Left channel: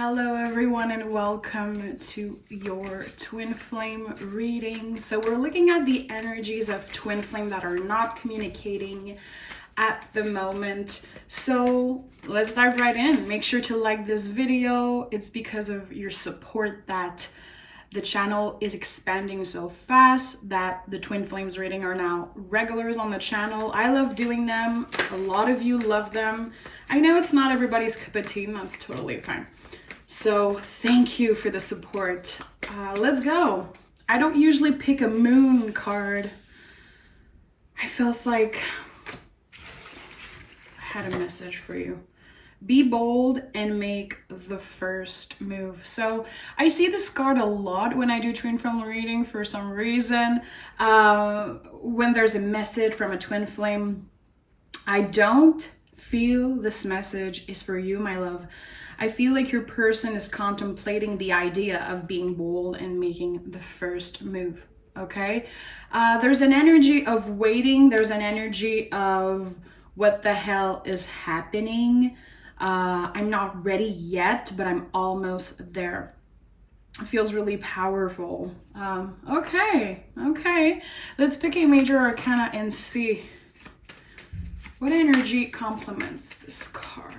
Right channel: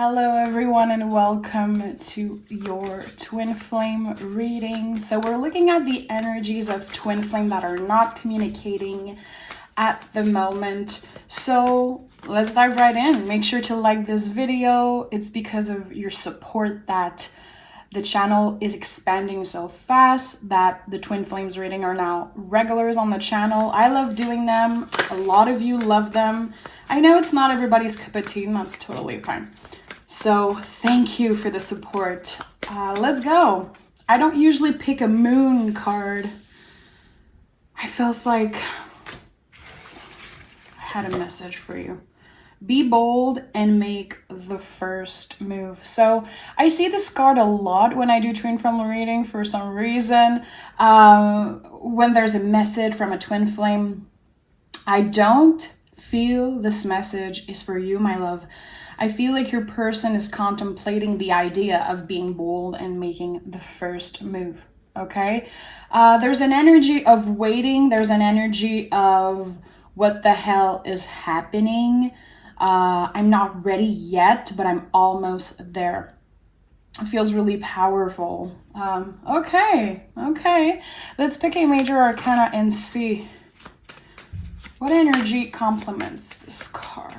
Hello everyone and welcome to your twin flame reading. So we're looking at the energies of twin flame that are not communicating at the moment. So let's dive right in. Make sure to like this video. It's because of your support that the channel is expanding so fast, that the twin flames reading are now regulars on the channel. I love doing them. A lot of you love them. I know it's not everybody's cup of tea, and that's totally fine. So thank you for the support. Let's go. I don't usually pick a moon card. I felt like I had a message for you. Be bold and make the first move. So I see this card a lot when I do twin flame reading for some reason. When there's a message from a twin flame, I don't feel this message is for you, my love. I feel like your person is contemplating the idea of being bold and making the first move, okay? There's an energy of waiting. There's an energy of what the hell is happening. I'm not ready yet, but I'm almost there. It feels really powerful. Okay. Let's pick a major arcana and see what energy complements this card.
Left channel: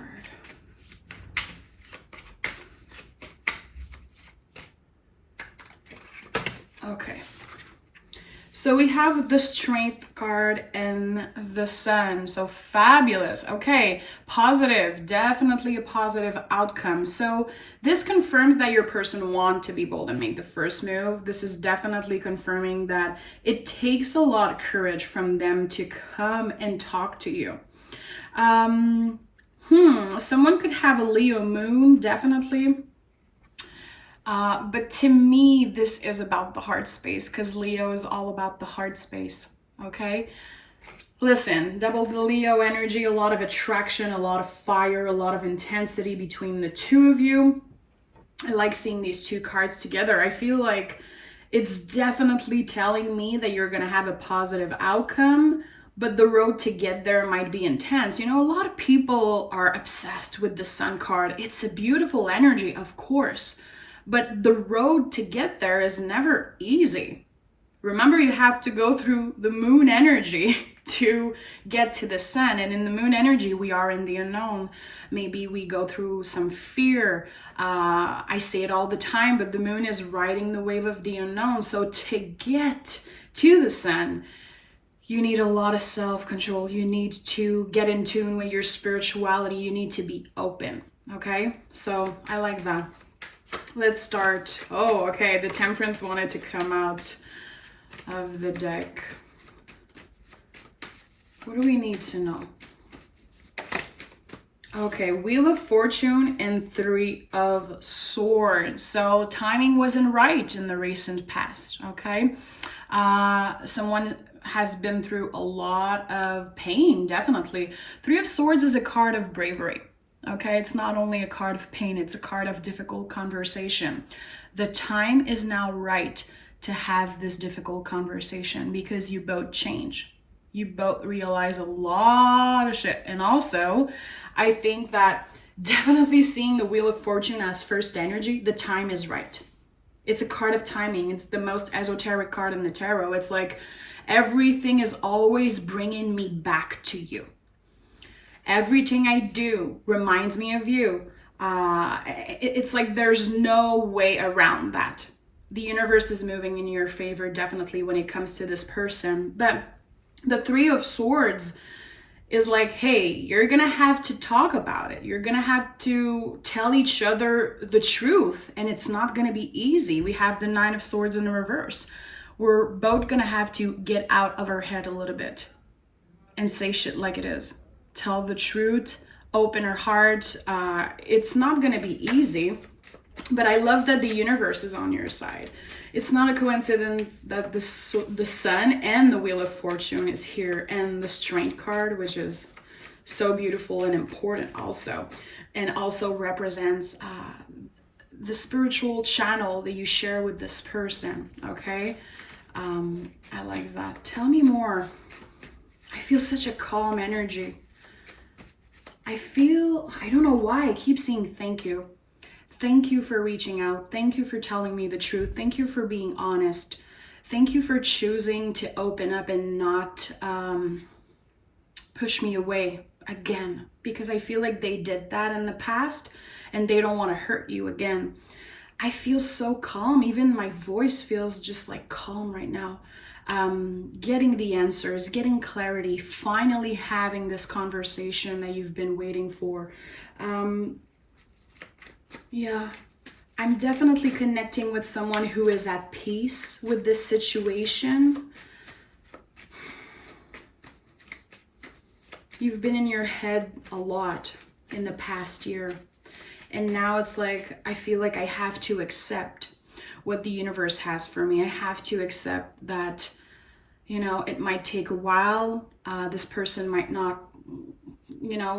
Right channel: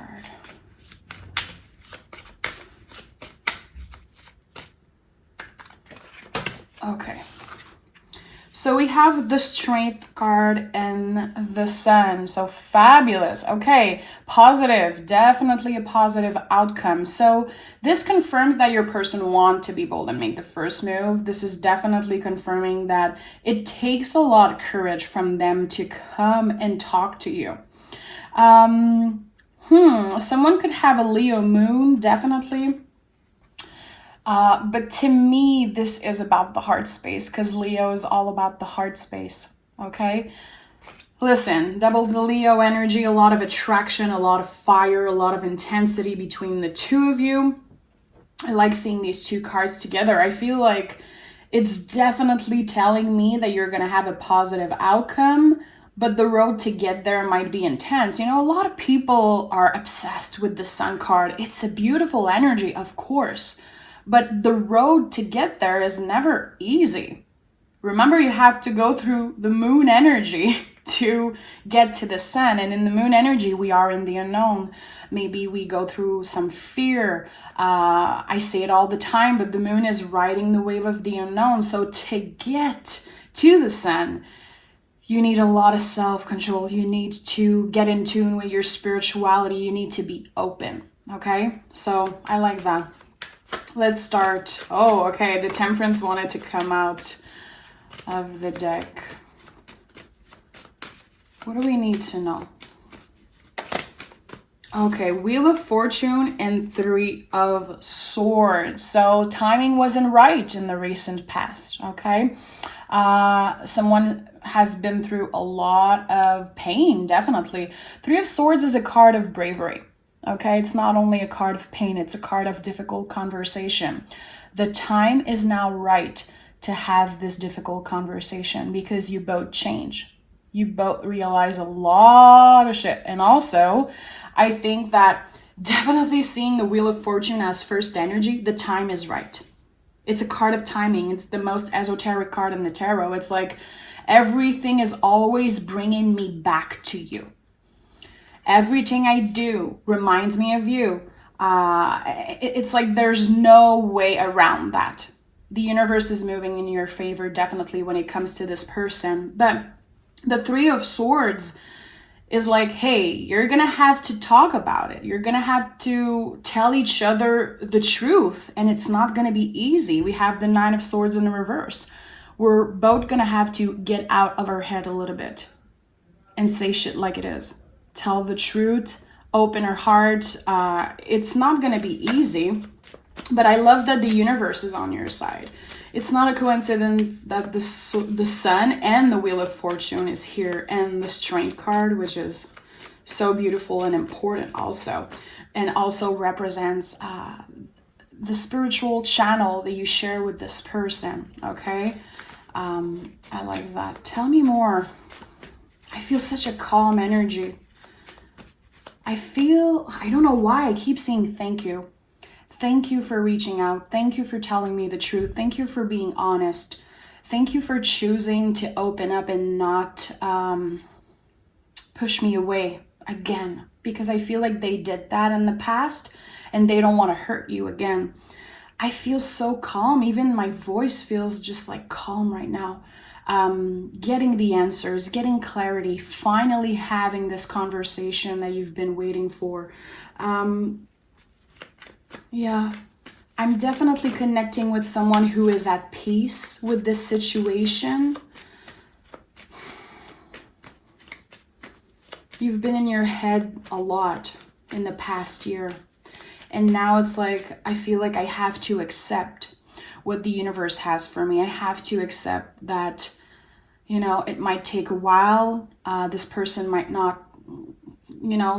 Okay, so we have the Strength card and the Sun. So fabulous. Okay, positive, definitely a positive outcome. So this confirms that your person wants to be bold and make the first move. This is definitely confirming that it takes a lot of courage from them to come and talk to you. Someone could have a Leo moon, definitely. But to me, this is about the heart space, because Leo is all about the heart space, okay? Listen, double the Leo energy, a lot of attraction, a lot of fire, a lot of intensity between the two of you. I like seeing these two cards together. I feel like it's definitely telling me that you're going to have a positive outcome, but the road to get there might be intense. You know, a lot of people are obsessed with the Sun card. It's a beautiful energy, of course. But the road to get there is never easy. Remember, you have to go through the moon energy to get to the sun. And in the moon energy, we are in the unknown. Maybe we go through some fear. I say it all the time, but the moon is riding the wave of the unknown. So to get to the sun, you need a lot of self-control. You need to get in tune with your spirituality. You need to be open, okay? So I like that. Let's start. Oh, okay. The Temperance wanted to come out of the deck. What do we need to know? Okay, Wheel of Fortune and Three of Swords. So timing wasn't right in the recent past, okay? Someone has been through a lot of pain, definitely. Three of Swords is a card of bravery. Okay, it's not only a card of pain, it's a card of difficult conversation. The time is now right to have this difficult conversation because you both change. You both realize a lot of shit. And also, I think that definitely seeing the Wheel of Fortune as first energy, the time is right. It's a card of timing. It's the most esoteric card in the tarot. It's like everything is always bringing me back to you. Everything I do reminds me of you. It's like there's no way around that. The universe is moving in your favor, definitely, when it comes to this person. But the Three of Swords is like, hey, you're going to have to talk about it. You're going to have to tell each other the truth. And it's not going to be easy. We have the Nine of Swords in the reverse. We're both going to have to get out of our head a little bit and say shit like it is. Tell the truth, open our heart. It's not going to be easy, but I love that the universe is on your side. It's not a coincidence that the Sun and the Wheel of Fortune is here, and the Strength card, which is so beautiful and important also, and also represents the spiritual channel that you share with this person, okay? I like that. Tell me more. I feel such a calm energy. I don't know why I keep saying thank you. Thank you for reaching out. Thank you for telling me the truth. Thank you for being honest. Thank you for choosing to open up and not push me away again, because I feel like they did that in the past and they don't want to hurt you again. I feel so calm. Even my voice feels just like calm right now. Getting the answers, getting clarity, finally having this conversation that you've been waiting for. Yeah, I'm definitely connecting with someone who is at peace with this situation. You've been in your head a lot in the past year. And now it's like, I feel like I have to accept what the universe has for me. I have to accept that, it might take a while. This person might not,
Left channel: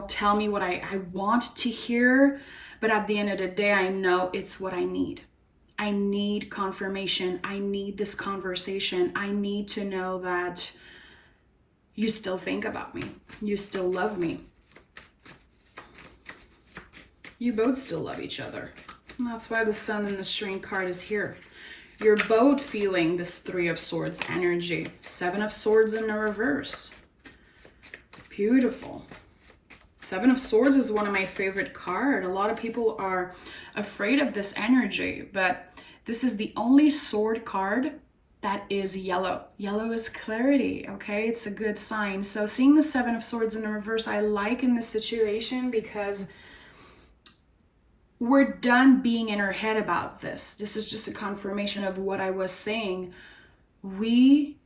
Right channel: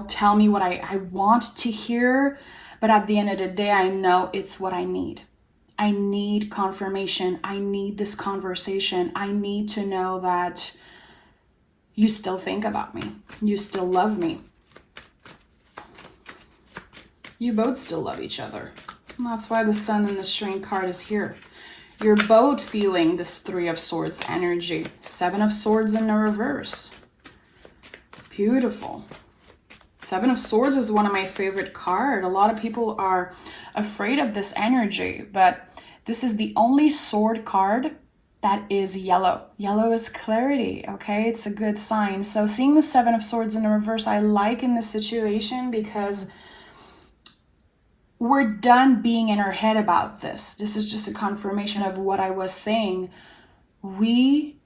tell me what I want to hear. But at the end of the day, I know it's what I need. I need confirmation. I need this conversation. I need to know that you still think about me. You still love me. You both still love each other. And that's why the Sun and the Strength card is here. You're both feeling this 3 of Swords energy. 7 of Swords in the reverse. Beautiful. 7 of Swords is one of my favorite cards. A lot of people are afraid of this energy, but this is the only sword card that is yellow. Yellow is clarity, okay? It's a good sign. So seeing the 7 of Swords in the reverse, I like in this situation because we're done being in our head about this. This is just a confirmation of what I was saying. We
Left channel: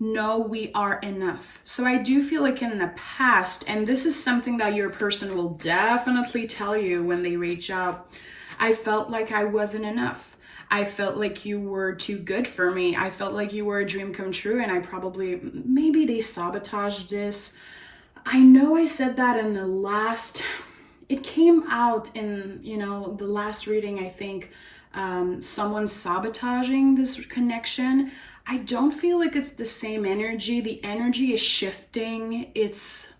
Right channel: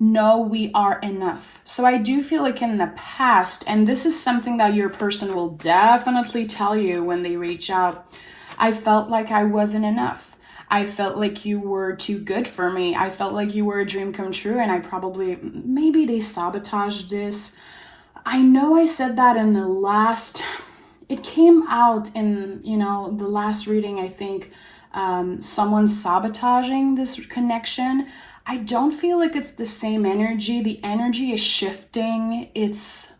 know we are enough. So I do feel like in the past, and this is something that your person will definitely tell you when they reach out, I felt like I wasn't enough. I felt like you were too good for me. I felt like you were a dream come true, and maybe they sabotaged this. I know I said that in the last, it came out in, the last reading, I think, someone sabotaging this connection. I don't feel like it's the same energy. The energy is shifting. It's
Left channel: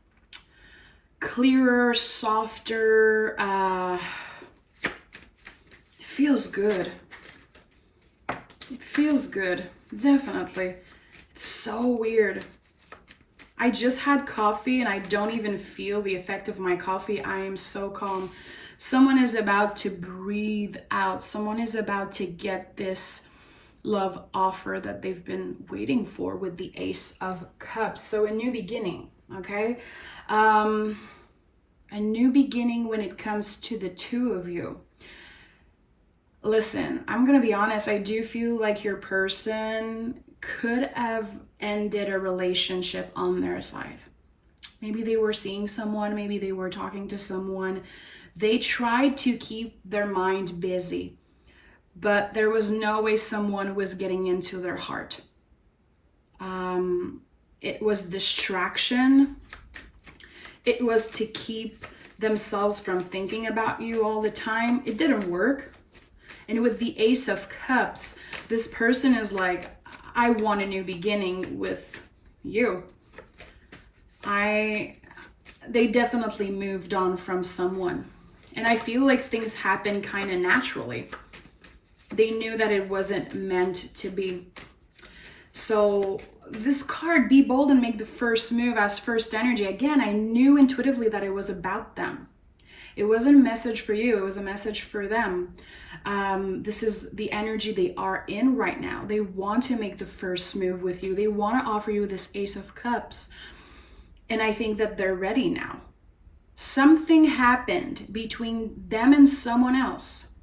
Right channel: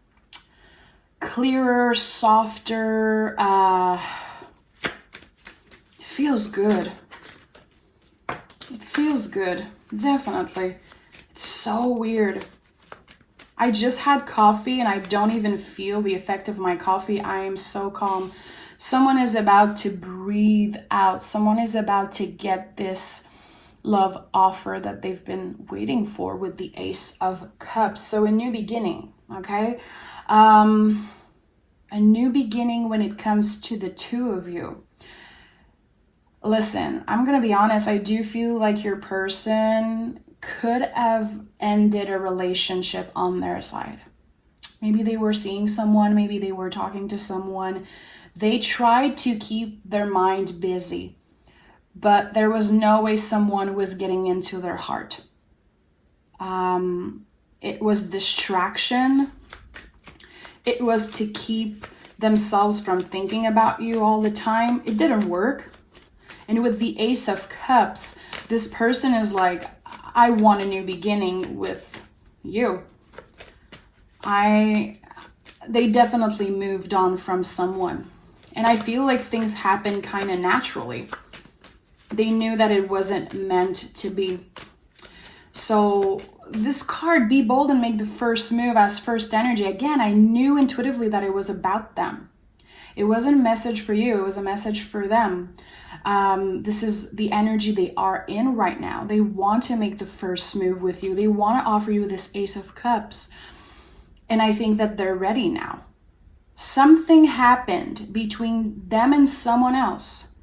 clearer, softer. It feels good. It feels good, definitely. It's so weird. I just had coffee and I don't even feel the effect of my coffee. I am so calm. Someone is about to breathe out. Someone is about to get this love offer that they've been waiting for with the Ace of Cups. So a new beginning, okay? A new beginning when it comes to the two of you. Listen, I'm going to be honest. I do feel like your person could have ended a relationship on their side. Maybe they were seeing someone. Maybe they were talking to someone. They tried to keep their mind busy, but there was no way someone was getting into their heart. It was distraction. It was to keep themselves from thinking about you all the time. It didn't work. And with the Ace of Cups, this person is like, I want a new beginning with you. They definitely moved on from someone. And I feel like things happen kind of naturally. They knew that it wasn't meant to be. So this card, be bold and make the first move as first energy. Again, I knew intuitively that it was about them. It wasn't a message for you. It was a message for them. This is the energy they are in right now. They want to make the first move with you. They want to offer you this Ace of Cups. And I think that they're ready now. Something happened between them and someone else.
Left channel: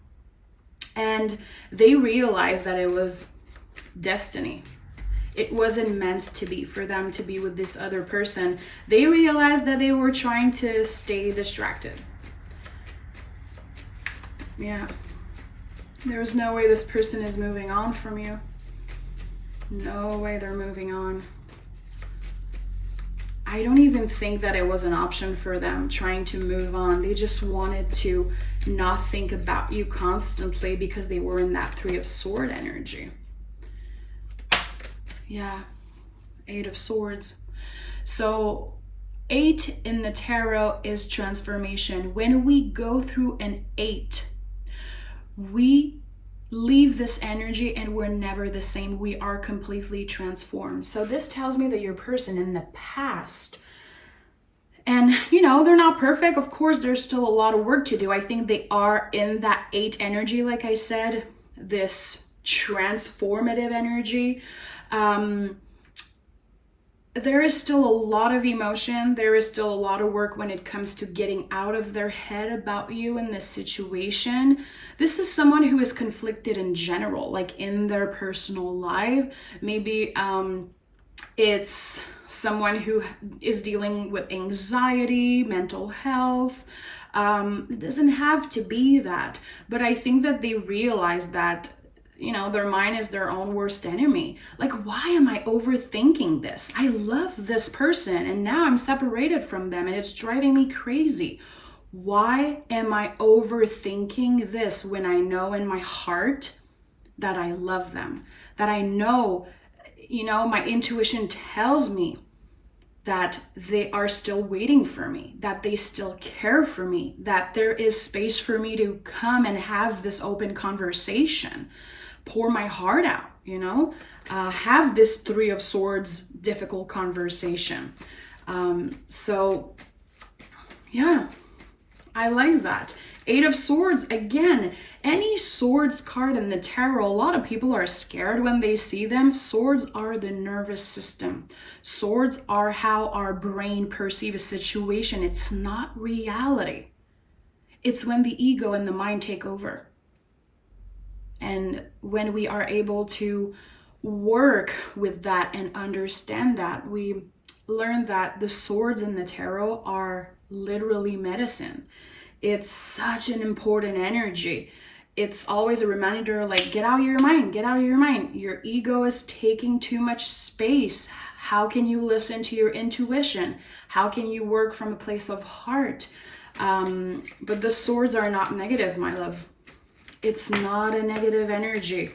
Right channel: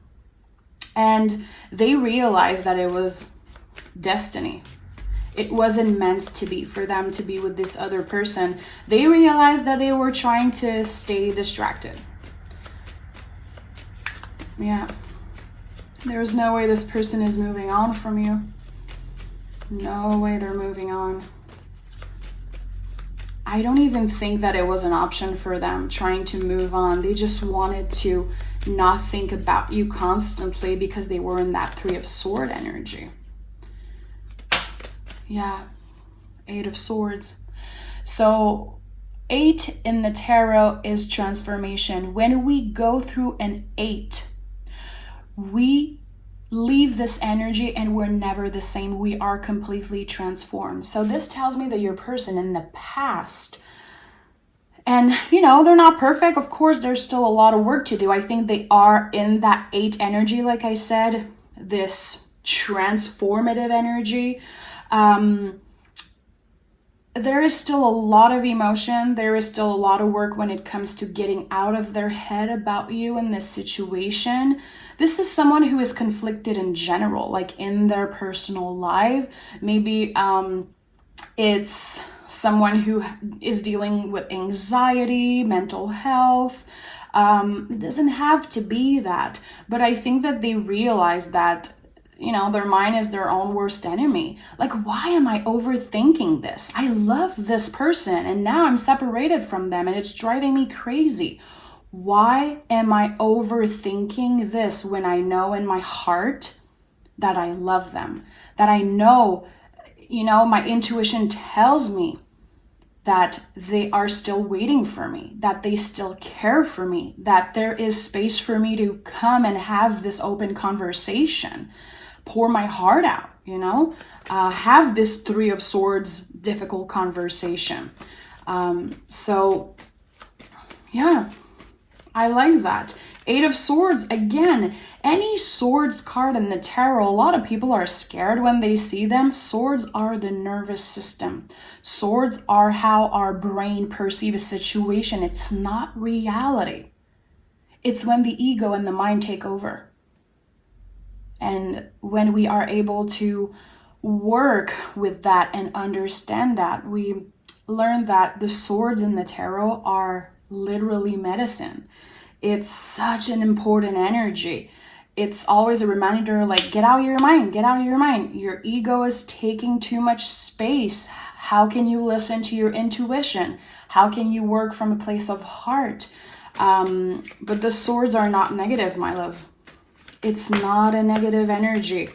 And they realized that it was destiny. It wasn't meant to be for them to be with this other person. They realized that they were trying to stay distracted. Yeah. There's no way this person is moving on from you. No way they're moving on. I don't even think that it was an option for them trying to move on. They just wanted to not think about you constantly because they were in that 3 of Swords energy. Yeah, 8 of Swords. So 8 in the tarot is transformation. When we go through an 8, we leave this energy and we're never the same. We are completely transformed. So this tells me that your person in the past, and they're not perfect. Of course, there's still a lot of work to do. I think they are in that 8 energy, like I said, this transformative energy. There is still a lot of emotion. There is still a lot of work when it comes to getting out of their head about you in this situation. This is someone who is conflicted in general, like in their personal life. Maybe it's someone who is dealing with anxiety, mental health. It doesn't have to be that. But I think that they realize that their mind is their own worst enemy. Like, why am I overthinking this? I love this person and now I'm separated from them and it's driving me crazy. Why am I overthinking this when I know in my heart that I love them? That I know, my intuition tells me that they are still waiting for me, that they still care for me, that there is space for me to come and have this open conversation. Pour my heart out, have this 3 of Swords difficult conversation. So yeah, I like that. 8 of Swords, again, any swords card in the tarot, a lot of people are scared when they see them. Swords are the nervous system. Swords are how our brain perceives a situation. It's not reality. It's when the ego and the mind take over. And when we are able to work with that and understand that, we learn that the swords in the tarot are literally medicine. It's such an important energy. It's always a reminder, like, get out of your mind, get out of your mind. Your ego is taking too much space. How can you listen to your intuition? How can you work from a place of heart? But the swords are not negative, my love. It's not a negative energy.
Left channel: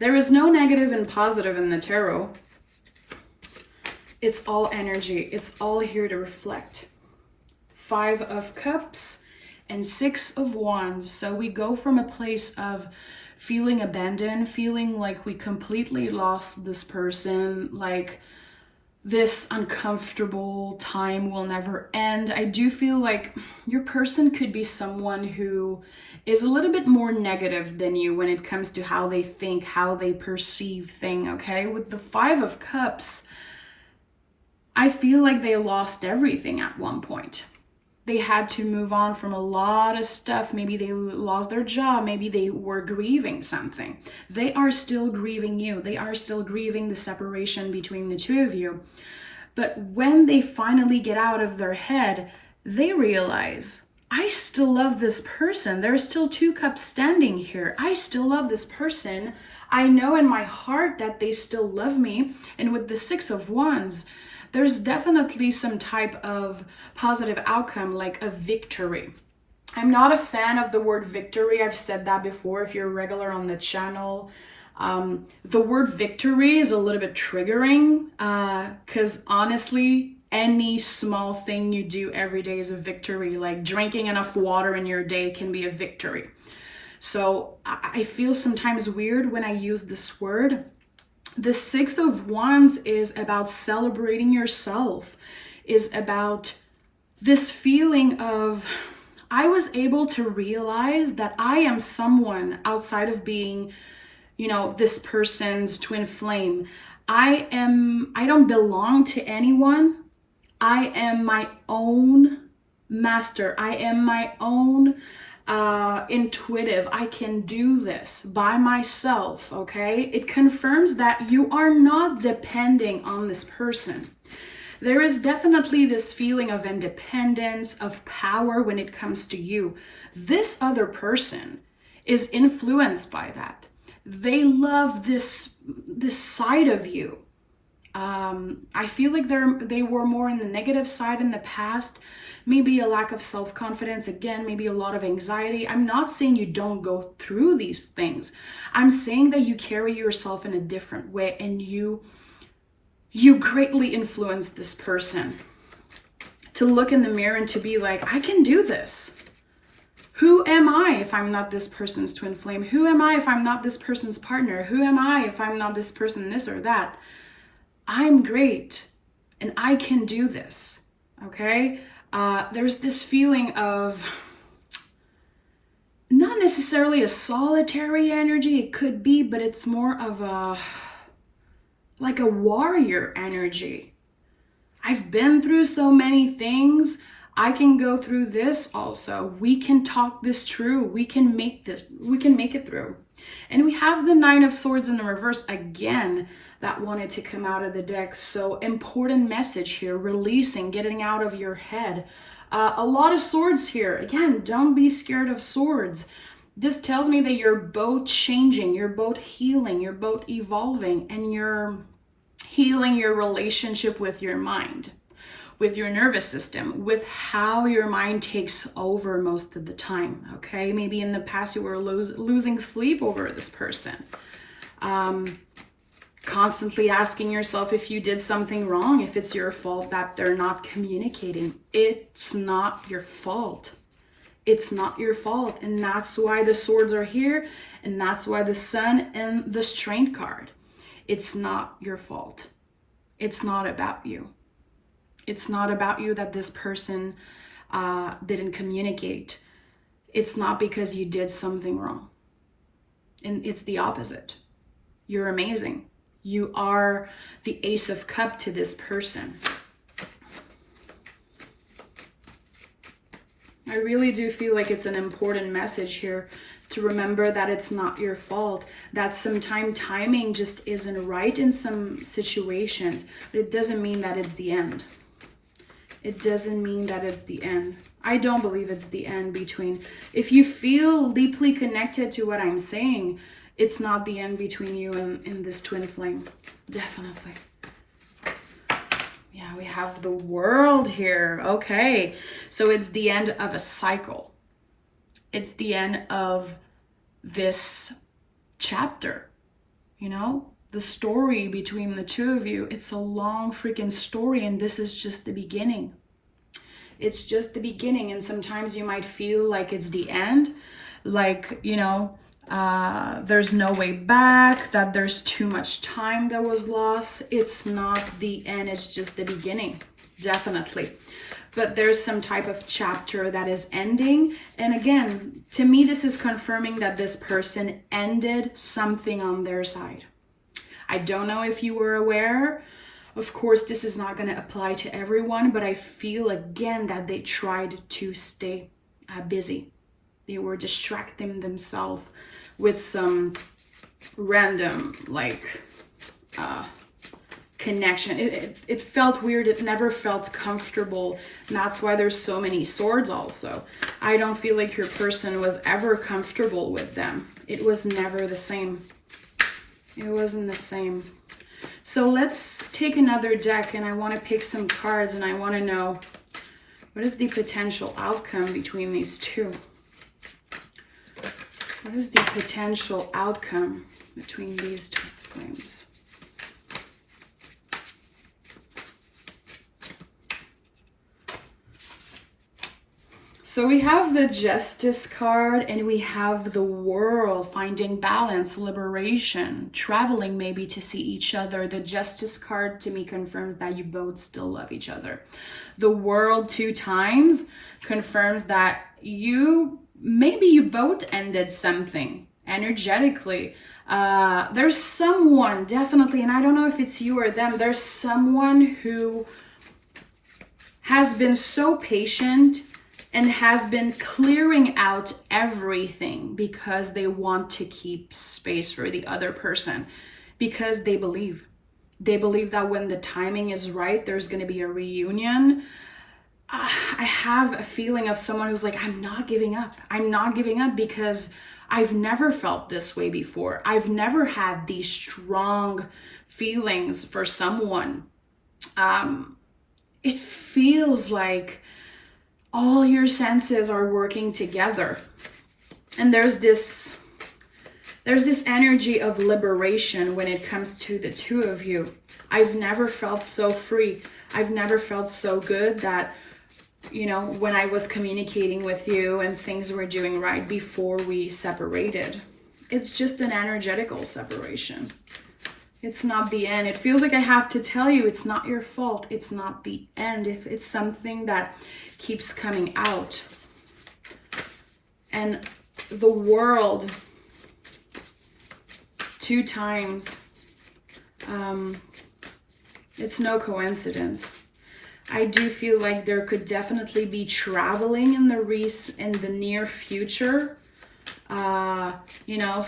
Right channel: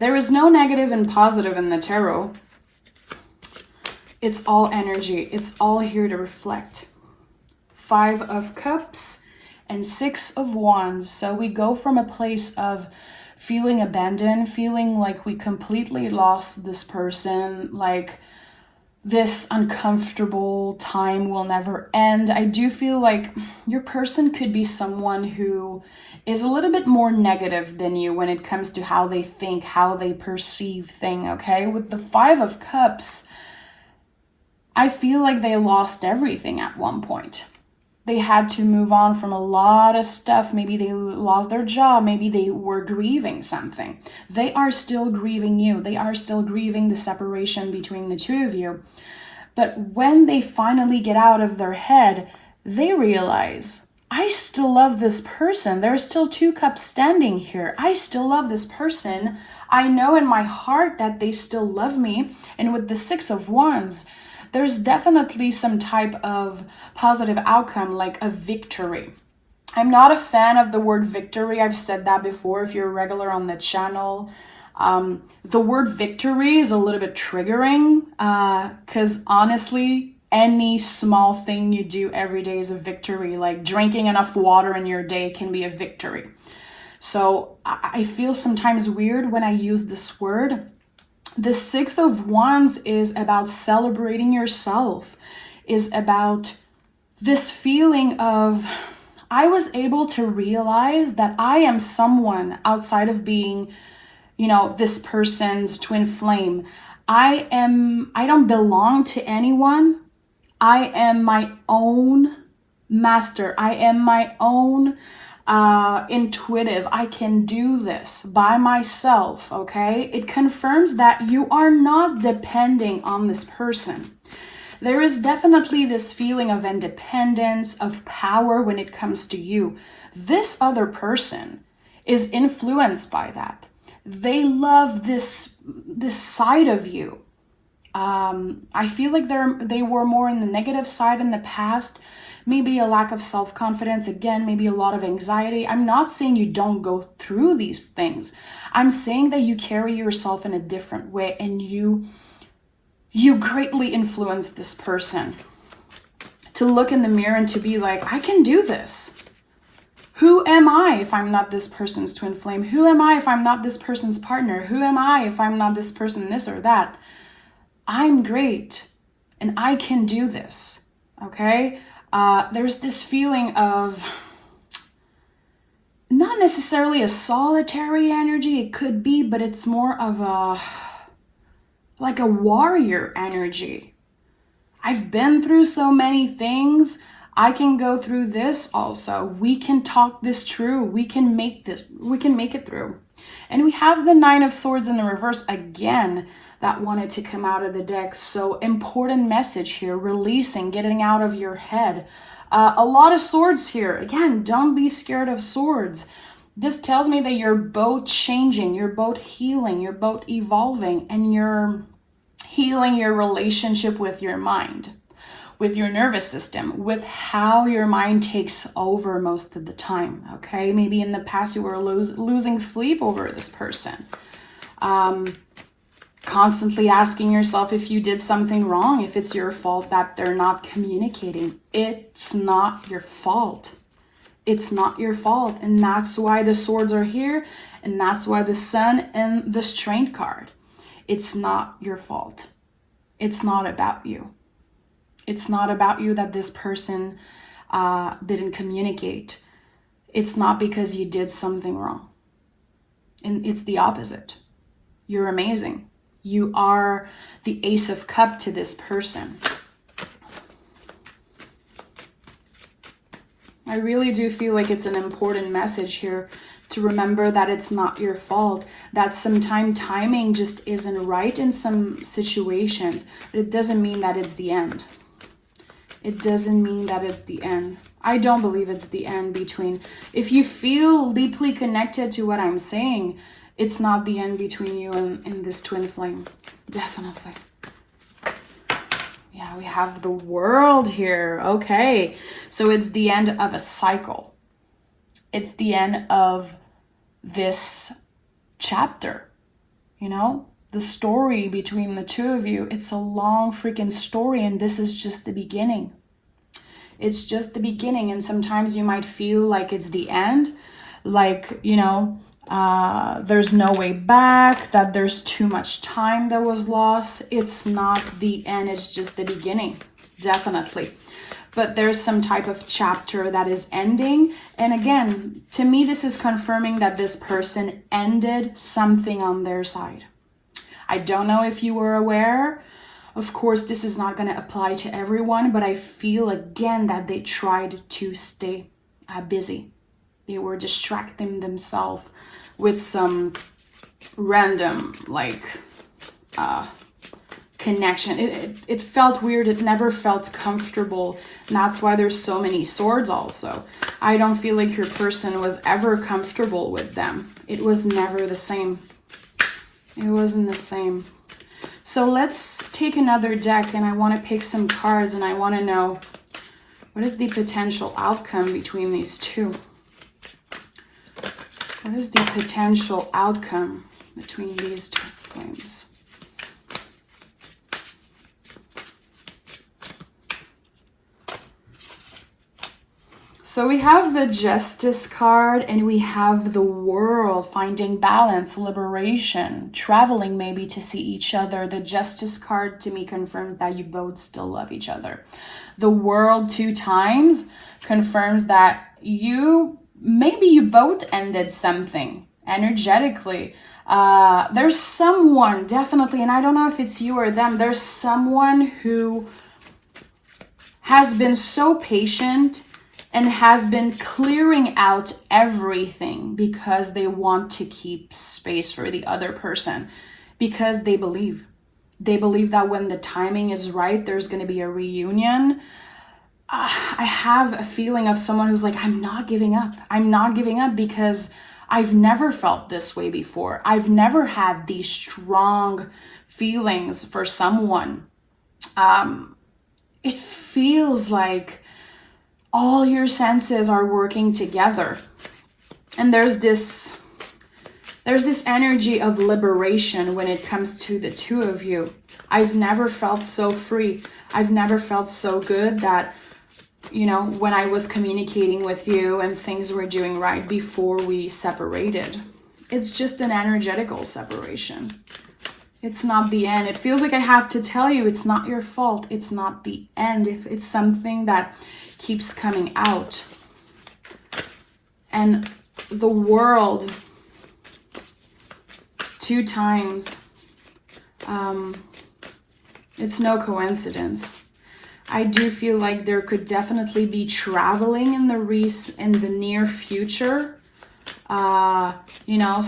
There is no negative and positive in the tarot. It's all energy. It's all here to reflect. 5 of Cups and 6 of Wands. So we go from a place of feeling abandoned, feeling like we completely lost this person, like this uncomfortable time will never end. I do feel like your person could be someone who is a little bit more negative than you when it comes to how they think, how they perceive things, okay? With the 5 of Cups, I feel like they lost everything at one point. They had to move on from a lot of stuff. Maybe they lost their job. Maybe they were grieving something. They are still grieving you. They are still grieving the separation between the two of you. But when they finally get out of their head, they realize, I still love this person. There's still 2 cups standing here. I still love this person. I know in my heart that they still love me. And with the 6 of Wands, there's definitely some type of positive outcome, like a victory. I'm not a fan of the word victory. I've said that before if you're regular on the channel. The word victory is a little bit triggering because honestly, any small thing you do every day is a victory. Like drinking enough water in your day can be a victory. So I feel sometimes weird when I use this word. The 6 of Wands is about celebrating yourself, is about this feeling of, I was able to realize that I am someone outside of being, this person's twin flame. I don't belong to anyone. I am my own master. I am my own intuitive. I can do this by myself, okay? It confirms that you are not depending on this person. There is definitely this feeling of independence, of power when it comes to you. This other person is influenced by that. They love this side of you. I feel like they were more in the negative side in the past. Maybe a lack of self-confidence, again, maybe a lot of anxiety. I'm not saying you don't go through these things. I'm saying that you carry yourself in a different way and you greatly influence this person to look in the mirror and to be like, I can do this. Who am I if I'm not this person's twin flame? Who am I if I'm not this person's partner? Who am I if I'm not this person, this or that? I'm great and I can do this, okay? There's this feeling of not necessarily a solitary energy, it could be, but it's more of like a warrior energy. I've been through so many things. I can go through this also. We can talk this through. We can make it through. And we have the Nine of Swords in the reverse again that wanted to come out of the deck. So important message here, releasing, getting out of your head. A lot of swords here. Again, don't be scared of swords. This tells me that you're both changing, you're both healing, you're both evolving, and you're healing your relationship with your mind, with your nervous system, with how your mind takes over most of the time, okay? Maybe in the past you were losing sleep over this person. Constantly asking yourself if you did something wrong, if it's your fault that they're not communicating. It's not your fault. It's not your fault. And that's why the swords are here. And that's why the Sun and the Strength card. It's not your fault. It's not about you. It's not about you that this person didn't communicate. It's not because you did something wrong. And it's the opposite. You're amazing. You are the Ace of Cups to this person. I really do feel like it's an important message here to remember that it's not your fault, that sometimes timing just isn't right in some situations, but it doesn't mean that it's the end. It doesn't mean that it's the end. I don't believe it's the end between, if you feel deeply connected to what I'm saying, it's not the end between you and this twin flame. Definitely. Yeah, we have the World here. Okay. So it's the end of a cycle. It's the end of this chapter. You know, the story between the two of you. It's a long freaking story, and this is just the beginning. It's just the beginning. And sometimes you might feel like it's the end. Like, you know, there's no way back, that there's too much time that was lost. It's not the end, it's just the beginning, definitely. But there's some type of chapter that is ending. And again, to me, this is confirming that this person ended something on their side. I don't know if you were aware. Of course, this is not going to apply to everyone, but I feel again that they tried to stay busy. They were distracting themselves with some random connection. It felt weird. It never felt comfortable. And that's why there's so many swords also. I don't feel like your person was ever comfortable with them. It was never the same. It wasn't the same. So let's take another deck, and I want to pick some cards, and I want to know what is the potential outcome between these two. What is the potential outcome between these two flames? So we have the Justice card, and we have the World, finding balance, liberation, traveling maybe to see each other. The Justice card to me confirms that you both still love each other. The World 2 times confirms that maybe you both ended something energetically. There's someone, definitely, and I don't know if it's you or them, there's someone who has been so patient and has been clearing out everything because they want to keep space for the other person, because they believe that when the timing is right, there's going to be a reunion. I have a feeling of someone who's like, I'm not giving up. I'm not giving up because I've never felt this way before. I've never had these strong feelings for someone. It feels like all your senses are working together. And there's this energy of liberation when it comes to the two of you. I've never felt so free. I've never felt so good that you know, when I was communicating with you and things were doing right before we separated. It's just an energetical separation. It's not the end. It feels like I have to tell you it's not your fault. It's not the end. If it's something that keeps coming out. And the world, 2 times, it's no coincidence. I do feel like there could definitely be traveling in the near future. You know,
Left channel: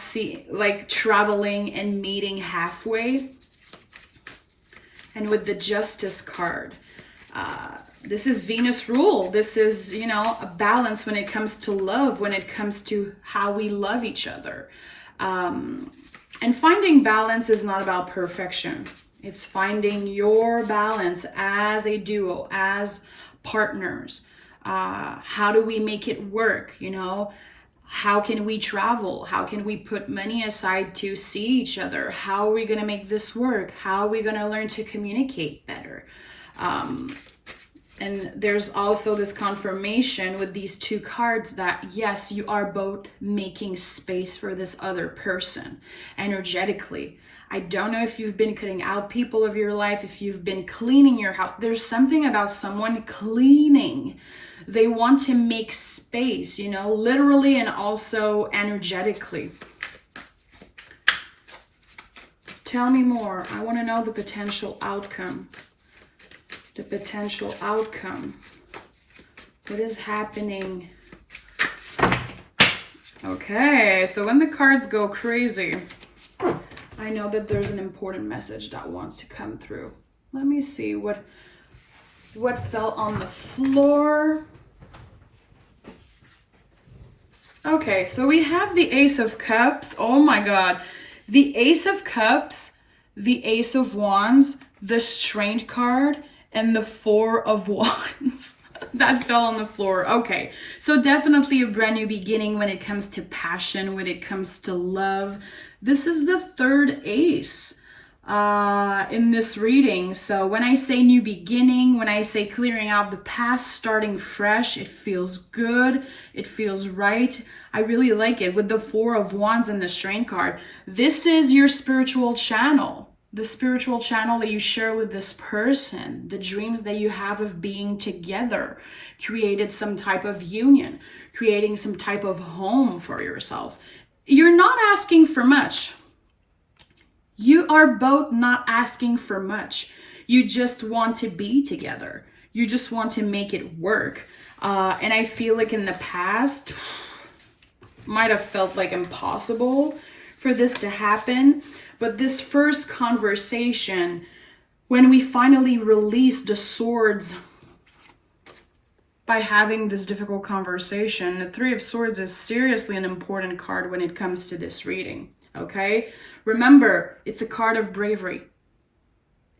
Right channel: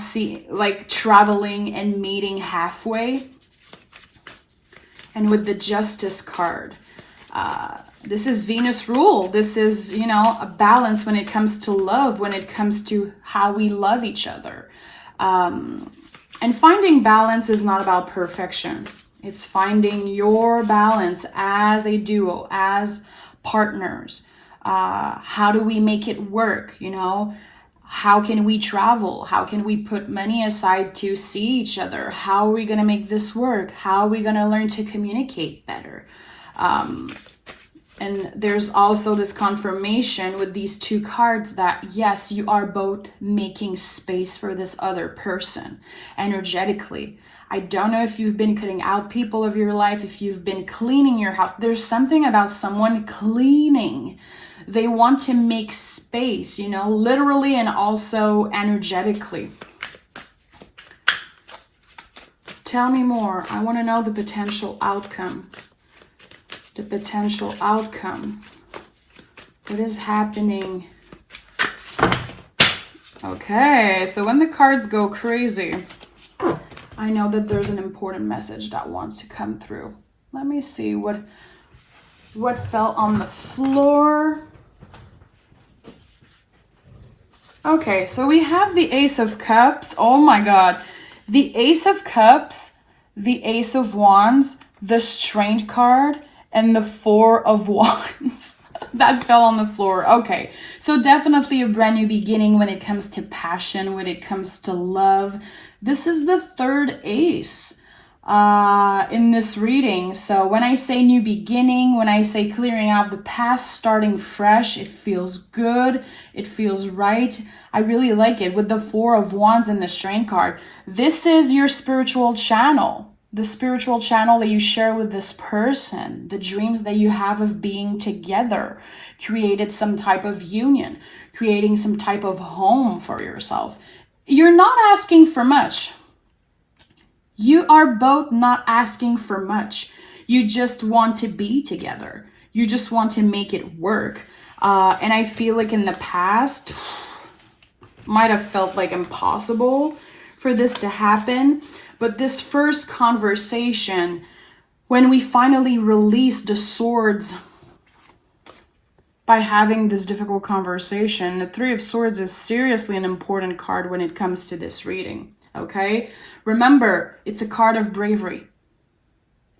like traveling and meeting halfway. And with the Justice card, this is Venus rule. This is, you know, a balance when it comes to love, when it comes to how we love each other. And finding balance is not about perfection. It's finding your balance as a duo, as partners. How do we make it work, you know? How can we travel? How can we put money aside to see each other? How are we going to make this work? How are we going to learn to communicate better? And there's also this confirmation with these 2 cards that, yes, you are both making space for this other person energetically. I don't know if you've been cutting out people of your life, if you've been cleaning your house. There's something about someone cleaning. They want to make space, you know, literally and also energetically. Tell me more. I want to know the potential outcome. The potential outcome. What is happening? Okay, so when the cards go crazy, I know that there's an important message that wants to come through. Let me see what fell on the floor. Okay, so we have the Ace of Cups. Oh my God. The Ace of Cups, the Ace of Wands, the Strength card, and the 4 of Wands. That fell on the floor. Okay, so definitely a brand new beginning when it comes to passion, when it comes to love. This is the 3rd ace in this reading. So when I say new beginning, when I say clearing out the past, starting fresh, it feels good. It feels right. I really like it with the 4 of Wands and the Strength card. This is your spiritual channel. The spiritual channel that you share with this person, the dreams that you have of being together, created some type of union, creating some type of home for yourself. You're not asking for much. You are both not asking for much. You just want to be together. You just want to make it work. And I feel like in the past, might have felt like impossible for this to happen. But this first conversation, when we finally released the swords by having this difficult conversation, the 3 of Swords is seriously an important card when it comes to this reading, okay? Remember, it's a card of bravery.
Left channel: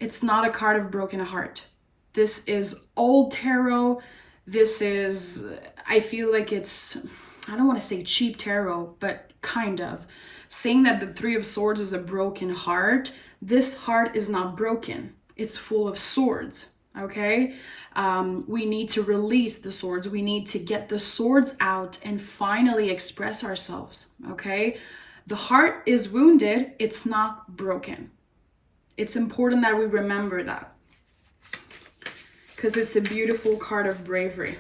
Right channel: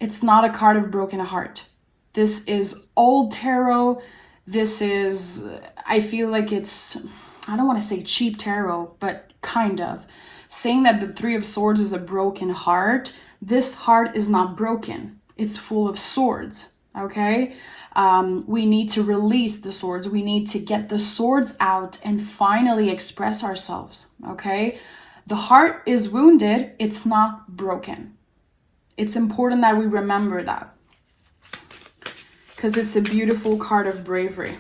It's not a card of broken heart. This is old tarot. This is, I feel like it's, I don't want to say cheap tarot, but kind of. Saying that the 3 of Swords is a broken heart, this heart is not broken. It's full of swords, okay? We need to release the swords. We need to get the swords out and finally express ourselves, okay? The heart is wounded. It's not broken. It's important that we remember that because it's a beautiful card of bravery.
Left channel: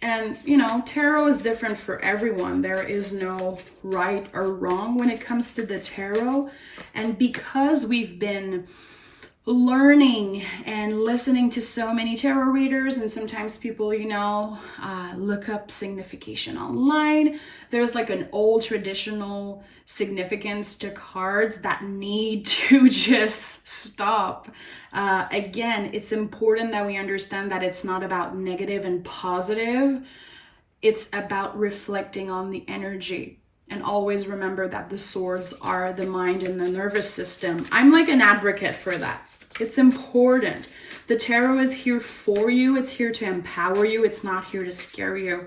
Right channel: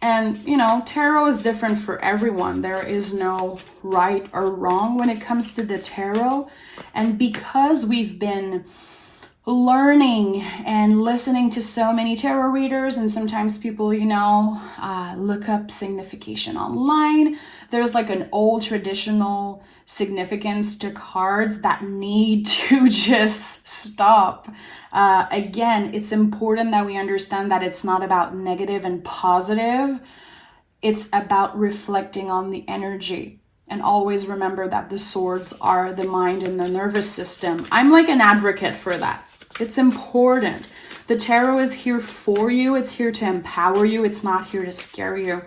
And, you know, tarot is different for everyone. There is no right or wrong when it comes to the tarot. And because we've been learning and listening to so many tarot readers, and sometimes people, you know, look up signification online, there's like an old traditional significance to cards that need to just stop. Again, it's important that we understand that it's not about negative and positive. It's about reflecting on the energy. And always remember that the swords are the mind and the nervous system. I'm like an advocate for that. It's important. The tarot is here for you. It's here to empower you. It's not here to scare you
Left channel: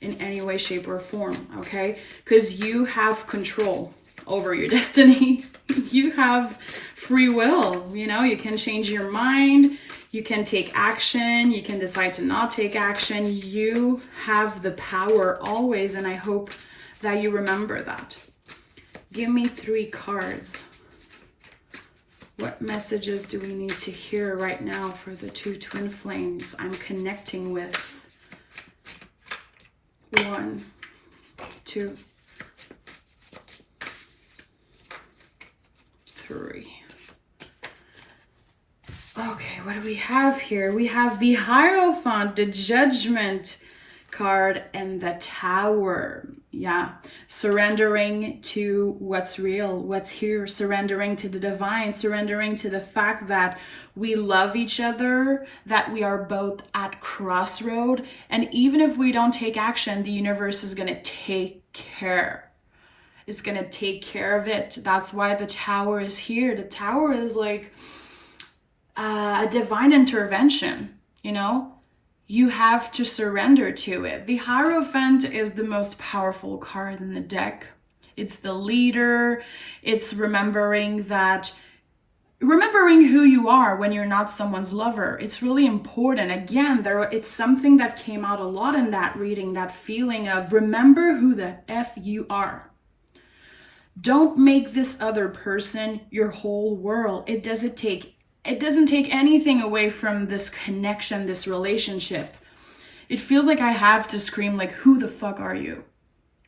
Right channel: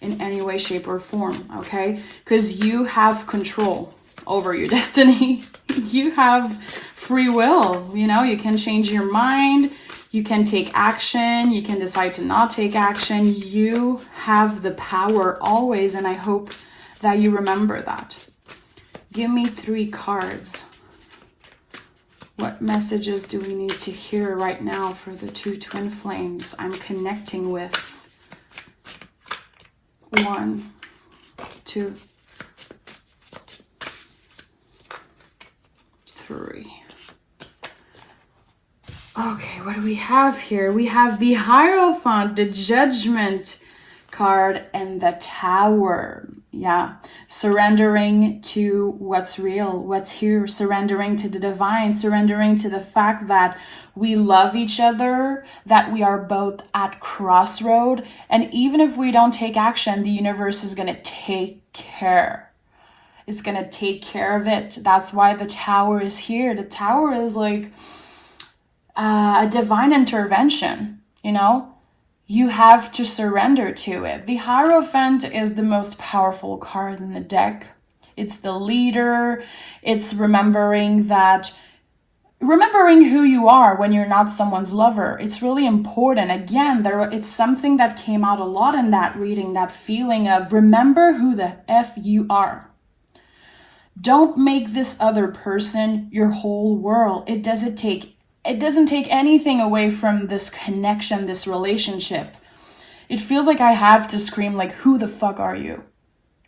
in any way, shape, or form, okay? Because you have control over your destiny. You have free will, you know, you can change your mind. You can take action. You can decide to not take action. You have the power always, and I hope that you remember that. Give me 3 cards. What messages do we need to hear right now for the 2 twin flames I'm connecting with? 1, 2, 3. Okay, what do we have here? We have the Hierophant, the Judgment card, and the Tower. Yeah, surrendering to what's real, what's here, surrendering to the divine, surrendering to the fact that we love each other, that we are both at crossroad, and even if we don't take action, the universe is going to take care. It's going to take care of it. That's why the Tower is here. The Tower is like a divine intervention, you know? You have to surrender to it. The Hierophant is the most powerful card in the deck. It's the leader. It's remembering who you are when you're not someone's lover. It's really important. Again, it's something that came out a lot in that reading, that feeling of remember who the F you are. Don't make this other person your whole world. It doesn't take anything away from this connection, this relationship. It feels like I have to scream like, who the fuck are you?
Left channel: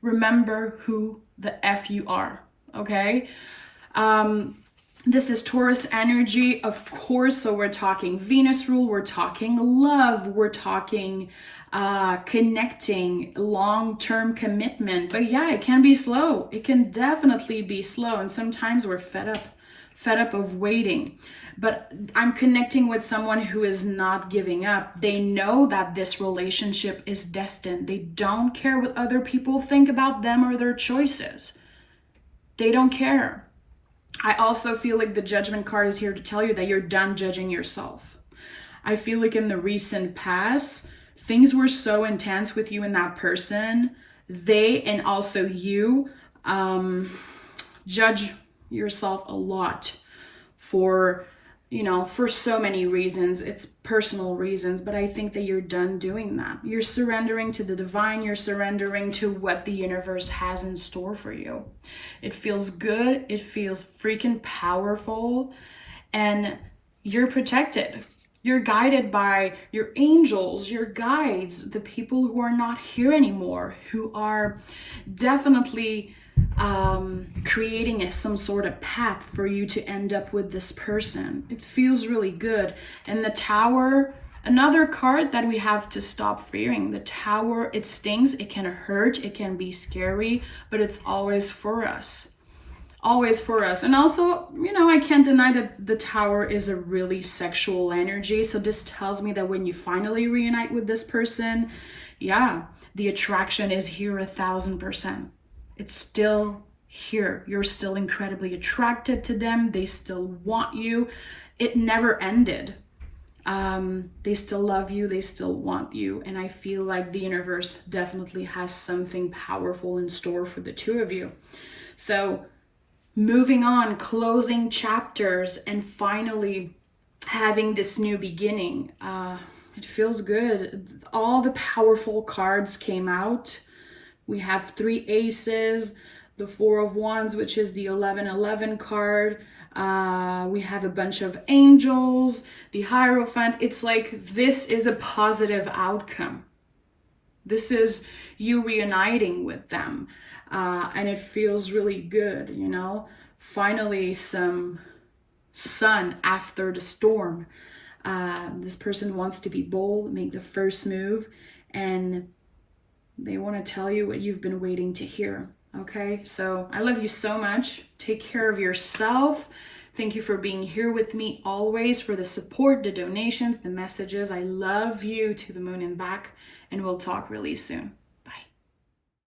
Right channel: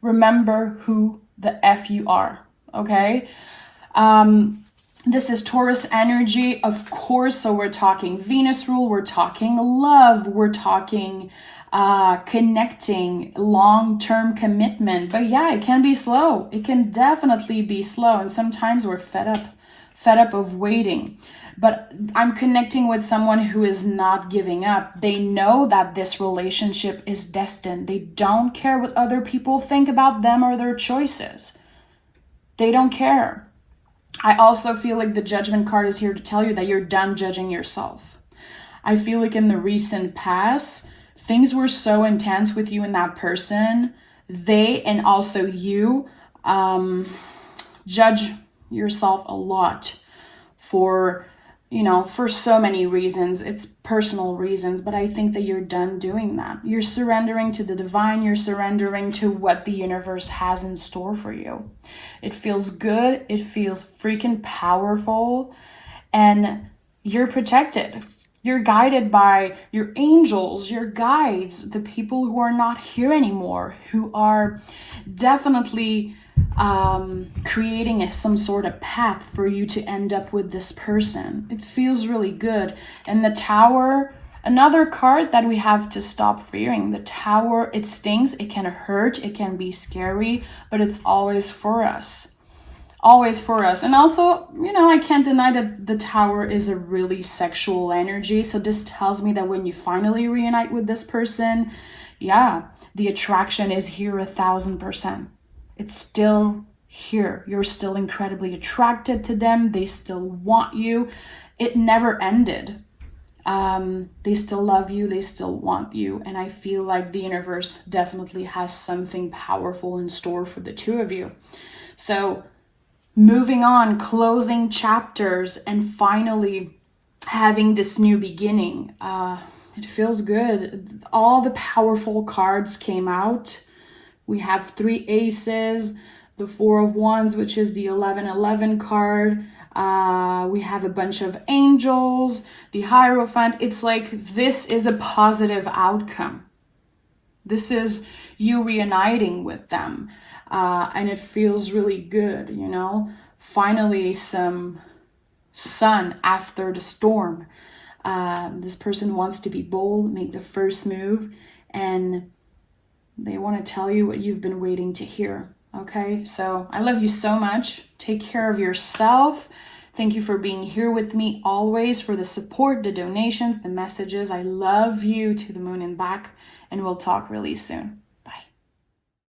Remember who the F you are, okay? This is Taurus energy, of course, so we're talking Venus rule, we're talking love, we're talking connecting, long-term commitment. But yeah, it can be slow. It can definitely be slow, and sometimes we're fed up of waiting. But I'm connecting with someone who is not giving up. They know that this relationship is destined. They don't care what other people think about them or their choices. They don't care. I also feel like the Judgment card is here to tell you that you're done judging yourself. I feel like in the recent past, things were so intense with you and that person. They and also you judge yourself a lot for so many reasons. It's personal reasons, but I think that you're done doing that. You're surrendering to the divine. You're surrendering to what the universe has in store for you. It feels good. It feels freaking powerful, and you're protected. You're guided by your angels, your guides, the people who are not here anymore, who are definitely creating some sort of path for you to end up with this person. It feels really good. And the Tower, another card that we have to stop fearing. The Tower, it stings, it can hurt, it can be scary, but it's always for us. Always for us. And also, I can't deny that the Tower is a really sexual energy. So this tells me that when you finally reunite with this person, yeah, the attraction is here 1,000%. It's still here. You're still incredibly attracted to them. They still want you. It never ended. They still love you. They still want you. And I feel like the universe definitely has something powerful in store for the two of you. So moving on, closing chapters, and finally having this new beginning. It feels good. All the powerful cards came out. We have 3 aces, the 4 of wands, which is the 1111 card. We have a bunch of angels, the Hierophant. It's like this is a positive outcome. This is you reuniting with them. And it feels really good, Finally, some sun after the storm. This person wants to be bold, make the first move, and they want to tell you what you've been waiting to hear. Okay, so I love you so much. Take care of yourself. Thank you for being here with me always, for the support, the donations, the messages. I love you to the moon and back, and we'll talk really soon.